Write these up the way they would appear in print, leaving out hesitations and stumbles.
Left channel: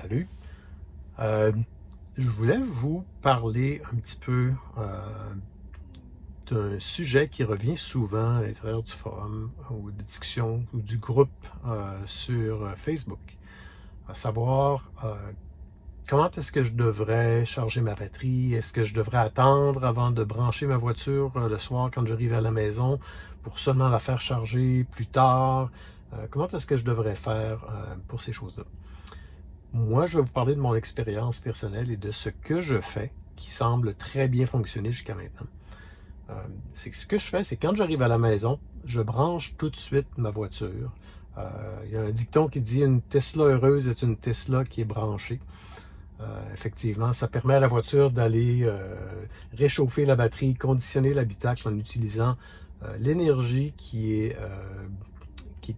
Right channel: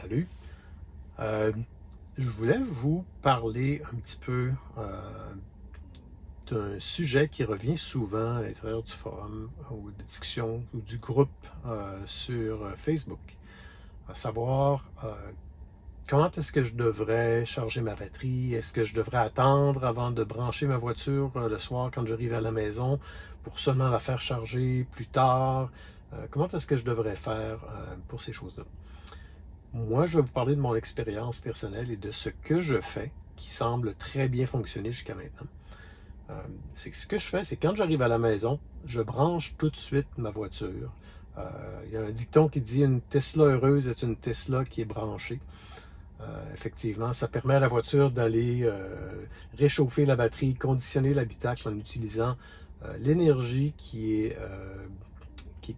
Salut. Euh, je voulais vous parler un petit peu d'un sujet qui revient souvent à l'intérieur du forum ou de discussion ou du groupe sur Facebook. À savoir comment est-ce que je devrais charger ma batterie? Est-ce que je devrais attendre avant de brancher ma voiture le soir quand j'arrive à la maison pour seulement la faire charger plus tard? Comment est-ce que je devrais faire pour ces choses-là? Moi, je vais vous parler de mon expérience personnelle et de ce que je fais qui semble très bien fonctionner jusqu'à maintenant. C'est que ce que je fais, c'est quand j'arrive à la maison, je branche tout de suite ma voiture. Il y a un dicton qui dit une Tesla heureuse est une Tesla qui est branchée. Effectivement, ça permet à la voiture d'aller réchauffer la batterie, conditionner l'habitacle en utilisant l'énergie qui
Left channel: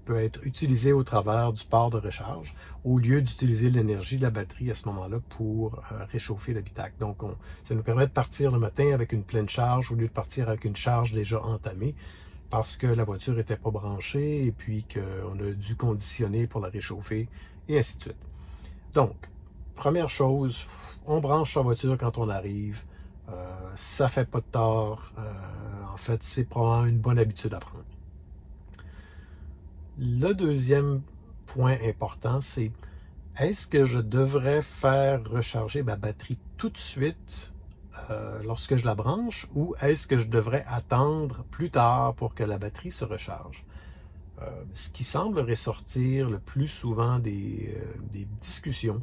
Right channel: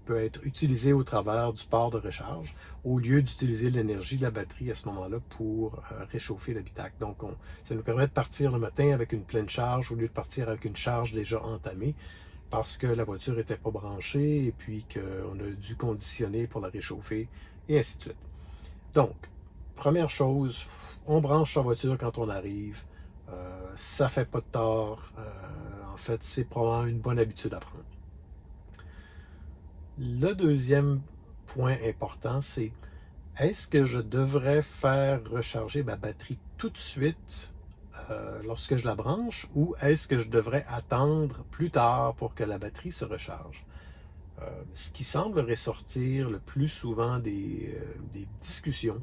peut être utilisée au travers du port de recharge, au lieu d'utiliser l'énergie de la batterie à ce moment-là pour réchauffer l'habitacle. Donc, ça nous permet de partir le matin avec une pleine charge au lieu de partir avec une charge déjà entamée parce que la voiture n'était pas branchée et puis qu'on a dû conditionner pour la réchauffer et ainsi de suite. Donc, première chose, on branche sa voiture quand on arrive. Ça fait pas de tort. En fait, c'est probablement une bonne habitude à prendre. Le deuxième point important, c'est est-ce que je devrais faire recharger ma batterie tout de suite lorsque je la branche ou est-ce que je devrais attendre plus tard pour que la batterie se recharge? Ce qui semble ressortir le plus souvent des discussions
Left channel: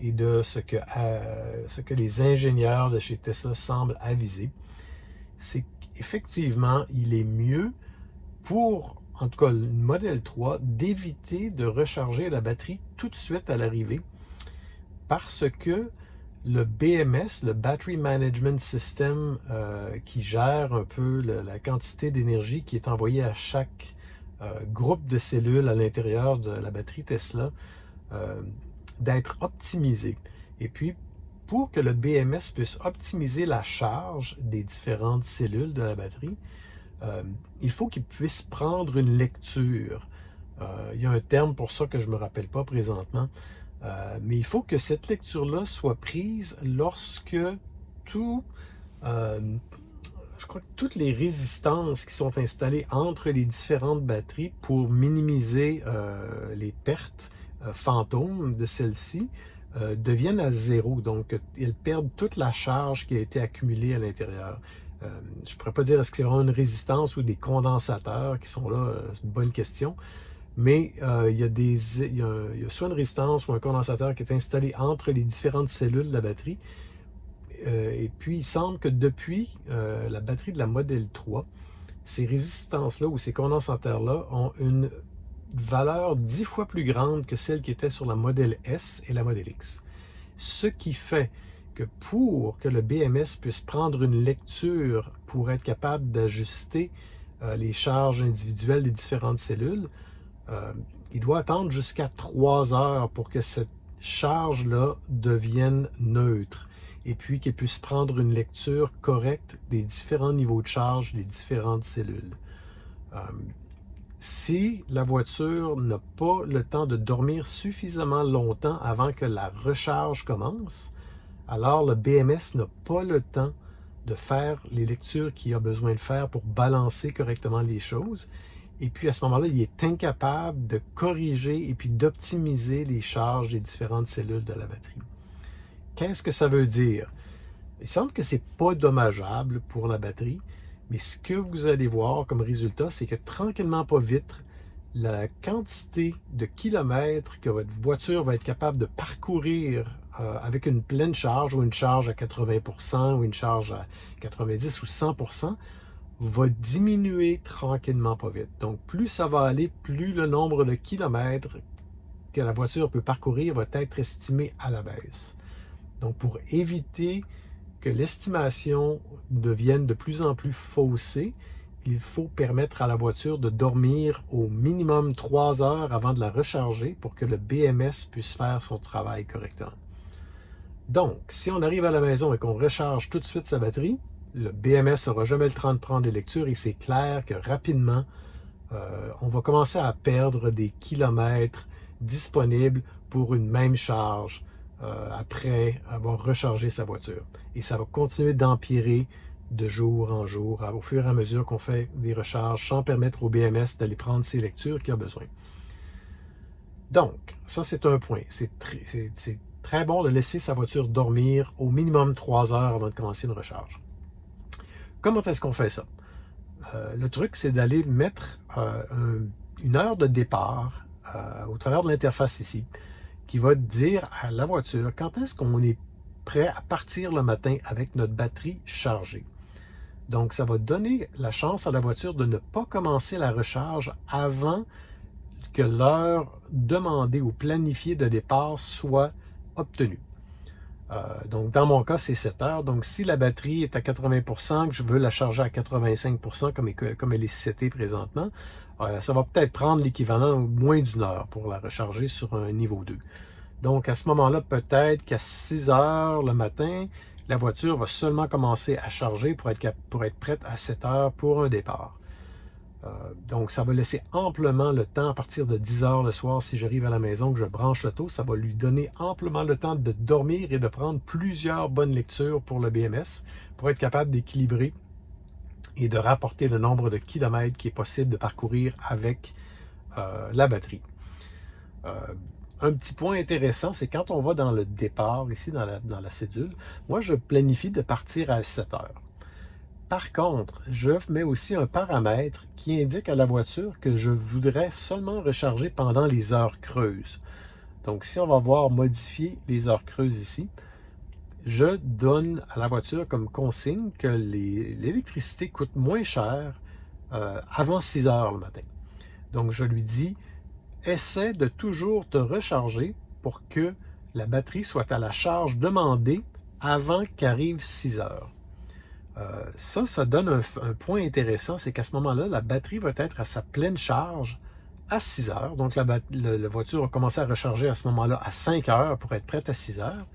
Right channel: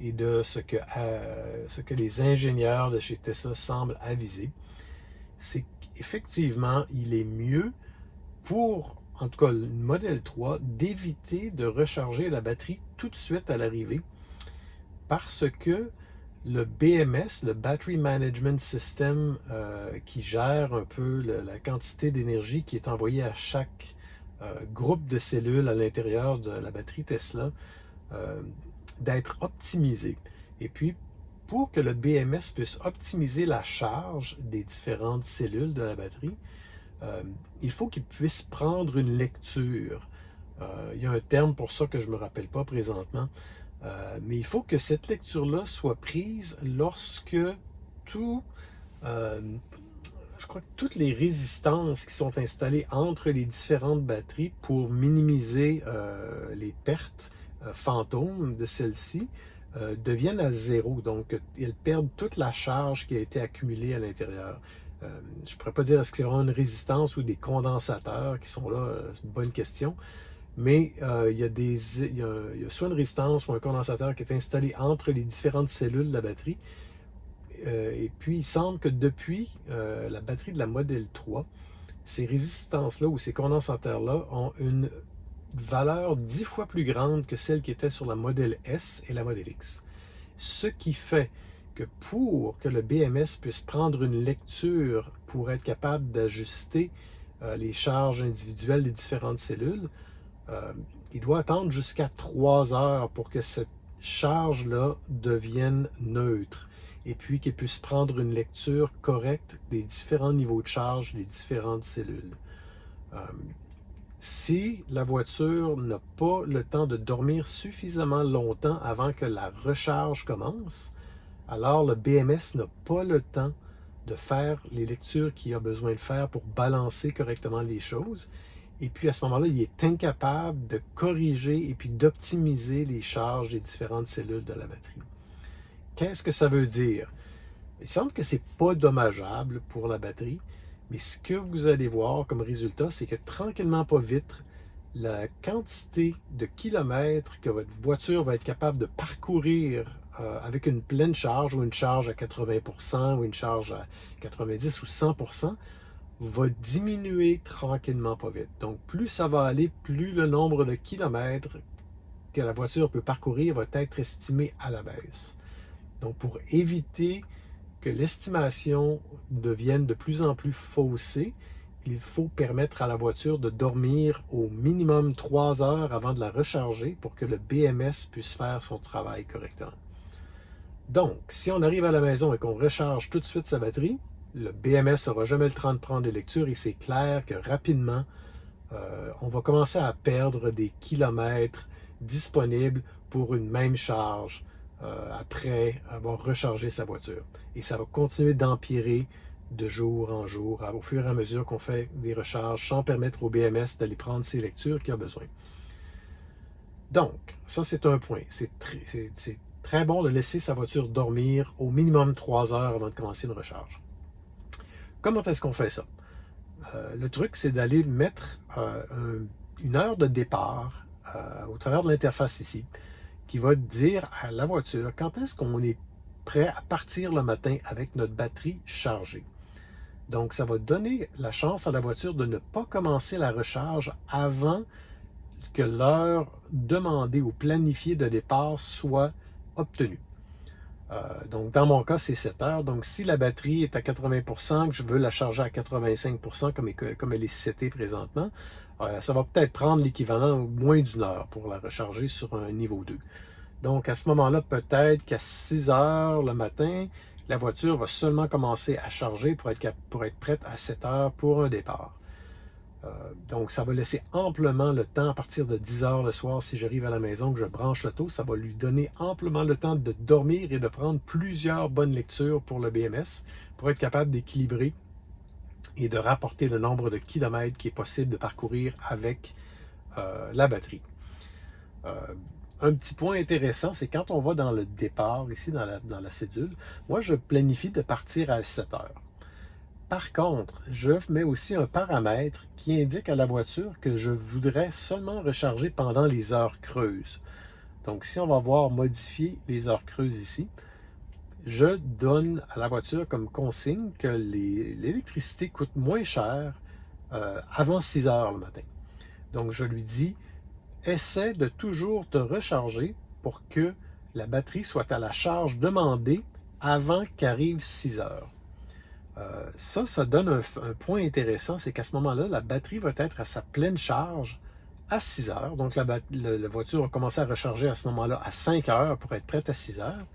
et de ce que les ingénieurs de chez Tesla semblent aviser, c'est qu'effectivement, il est mieux pour, en tout cas, le Model 3, d'éviter de recharger la batterie tout de suite à l'arrivée parce que le BMS, le Battery Management System, qui gère un peu la quantité d'énergie qui est envoyée à chaque groupe de cellules à l'intérieur de la batterie Tesla, d'être optimisé. Et puis, pour que le BMS puisse optimiser la charge des différentes cellules de la batterie, il faut qu'il puisse prendre une lecture. Il y a un terme pour ça que je ne me rappelle pas présentement, mais il faut que cette lecture-là soit prise lorsque je crois que toutes les résistances qui sont installées entre les différentes batteries pour minimiser les pertes fantômes de celles-ci deviennent à zéro. Donc, ils perdent toute la charge qui a été accumulée à l'intérieur. Je ne pourrais pas dire est-ce que c'est vraiment une résistance ou des condensateurs qui sont là, c'est une bonne question. Mais il y a soit une résistance ou un condensateur qui est installé entre les différentes cellules de la batterie. Et puis, il semble que depuis la batterie de la Model 3, ces résistances-là ou ces condensateurs-là ont une valeur 10 fois plus grande que celle qui était sur la Model S et la Model X. Ce qui fait que pour que le BMS puisse prendre une lecture pour être capable d'ajuster les charges individuelles des différentes cellules, il doit attendre jusqu'à 3 heures pour que cette charge-là devienne neutre et puis qu'elle puisse prendre une lecture correcte des différents niveaux de charge des différentes cellules. Si la voiture n'a pas le temps de dormir suffisamment longtemps avant que la recharge commence, alors le BMS n'a pas le temps de faire les lectures qu'il a besoin de faire pour balancer correctement les choses. Et puis à ce moment-là, il est incapable de corriger et puis d'optimiser les charges des différentes cellules de la batterie. Qu'est-ce que ça veut dire? Il semble que ce n'est pas dommageable pour la batterie, mais ce que vous allez voir comme résultat, c'est que tranquillement, pas vite, la quantité de kilomètres que votre voiture va être capable de parcourir avec une pleine charge ou une charge à 80% ou une charge à 90 ou 100% va diminuer tranquillement pas vite. Donc, plus ça va aller, plus le nombre de kilomètres que la voiture peut parcourir va être estimé à la baisse. Donc, pour éviter que l'estimation devienne de plus en plus faussée, il faut permettre à la voiture de dormir au minimum 3 heures avant de la recharger pour que le BMS puisse faire son travail correctement. Donc, si on arrive à la maison et qu'on recharge tout de suite sa batterie, le BMS n'aura jamais le temps de prendre des lectures et c'est clair que rapidement, on va commencer à perdre des kilomètres disponible pour une même charge après avoir rechargé sa voiture. Et ça va continuer d'empirer de jour en jour, au fur et à mesure qu'on fait des recharges, sans permettre au BMS d'aller prendre ses lectures qu'il a besoin. Donc, ça c'est un point. C'est très bon de laisser sa voiture dormir au minimum 3 heures avant de commencer une recharge. Comment est-ce qu'on fait ça? Le truc, c'est d'aller mettre une heure de départ au travers de l'interface ici, qui va dire à la voiture quand est-ce qu'on est prêt à partir le matin avec notre batterie chargée. Donc, ça va donner la chance à la voiture de ne pas commencer la recharge avant que l'heure demandée ou planifiée de départ soit obtenue. Donc, dans mon cas, c'est 7 heures. Donc, si la batterie est à 80%, que je veux la charger à 85% comme elle est setée présentement, ça va peut-être prendre l'équivalent moins d'une heure pour la recharger sur un niveau 2. Donc, à ce moment-là, peut-être qu'à 6 heures le matin, la voiture va seulement commencer à charger pour être prête à 7 heures pour un départ. Donc, ça va laisser amplement le temps à partir de 10 heures le soir, si j'arrive à la maison, que je branche l'auto, ça va lui donner amplement le temps de dormir et de prendre plusieurs bonnes lectures pour le BMS, pour être capable d'équilibrer et de rapporter le nombre de kilomètres qui est possible de parcourir avec la batterie. Un petit point intéressant, c'est quand on va dans le départ, ici dans la cédule, moi je planifie de partir à 7 heures. Par contre, je mets aussi un paramètre qui indique à la voiture que je voudrais seulement recharger pendant les heures creuses. Donc, si on va voir modifier les heures creuses ici, je donne à la voiture comme consigne que l'électricité coûte moins cher avant 6 heures le matin. Donc, je lui dis, essaie de toujours te recharger pour que la batterie soit à la charge demandée avant qu'arrive 6 heures. Ça donne un point intéressant, c'est qu'à ce moment-là, la batterie va être à sa pleine charge à 6 heures. Donc, la voiture va commencer à recharger à ce moment-là à 5 heures pour être prête à 6 heures.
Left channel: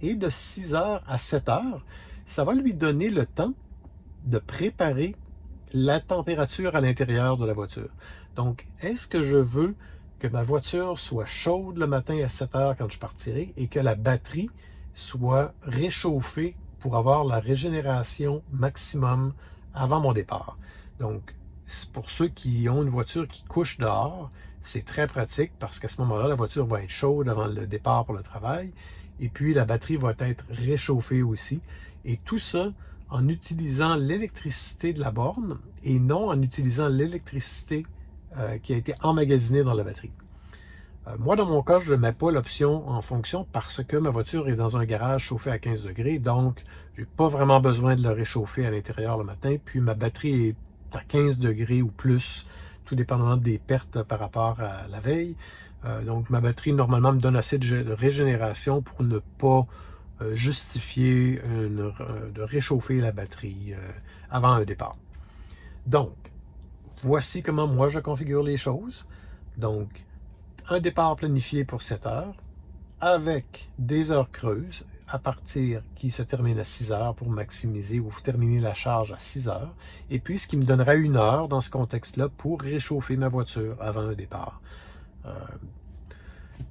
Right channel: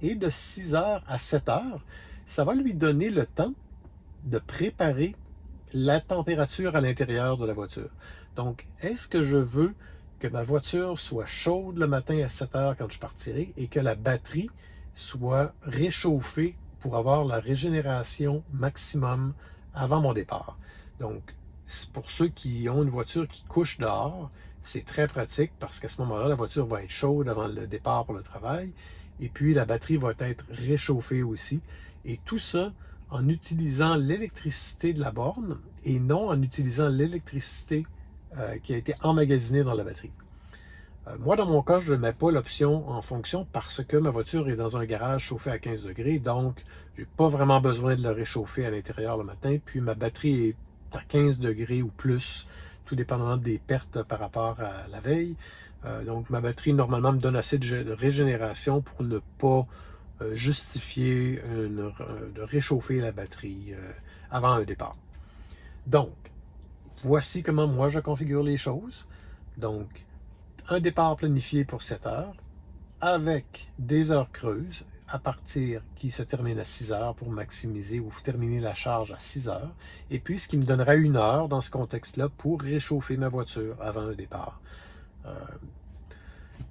Et de 6 heures à 7 heures, ça va lui donner le temps de préparer la température à l'intérieur de la voiture. Donc, est-ce que je veux que ma voiture soit chaude le matin à 7 heures quand je partirai et que la batterie soit réchauffée pour avoir la régénération maximum avant mon départ. Donc, pour ceux qui ont une voiture qui couche dehors, c'est très pratique parce qu'à ce moment-là, la voiture va être chaude avant le départ pour le travail et puis la batterie va être réchauffée aussi. Et tout ça en utilisant l'électricité de la borne et non en utilisant l'électricité qui a été emmagasinée dans la batterie. Moi, dans mon cas, je ne mets pas l'option en fonction parce que ma voiture est dans un garage chauffé à 15 degrés, donc je n'ai pas vraiment besoin de la réchauffer à l'intérieur le matin. Puis ma batterie est à 15 degrés ou plus, tout dépendamment des pertes par rapport à la veille. Donc ma batterie, normalement, me donne assez de régénération pour ne pas justifier de réchauffer la batterie avant un départ. Donc, voici comment moi je configure les choses. Donc, un départ planifié pour 7 heures avec des heures creuses à partir qui se termine à 6 heures pour maximiser ou terminer la charge à 6 heures. Et puis, ce qui me donnerait 1 heure dans ce contexte-là pour réchauffer ma voiture avant un départ.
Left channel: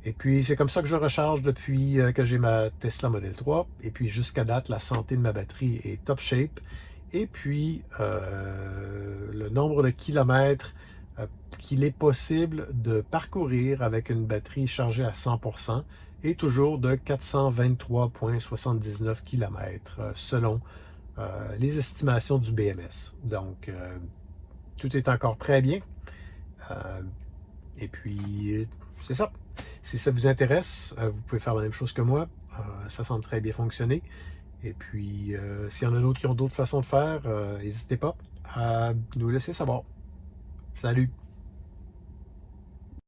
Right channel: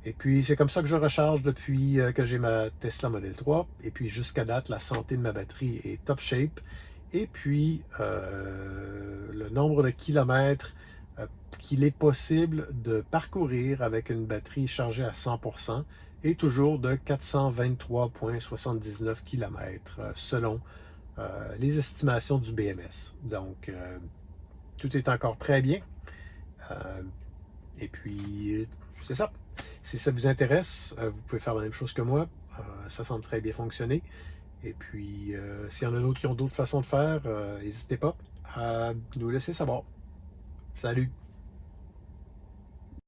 Et puis, c'est comme ça que je recharge depuis que j'ai ma Tesla Model 3. Et puis, jusqu'à date, la santé de ma batterie est top shape. Et puis, le nombre de kilomètres qu'il est possible de parcourir avec une batterie chargée à 100% est toujours de 423,79 km selon les estimations du BMS. Donc, tout est encore très bien. Et puis, c'est ça. Si ça vous intéresse, vous pouvez faire la même chose que moi. Ça semble très bien fonctionner. Et puis, s'il y en a d'autres qui ont d'autres façons de faire, n'hésitez pas à nous laisser savoir. Salut!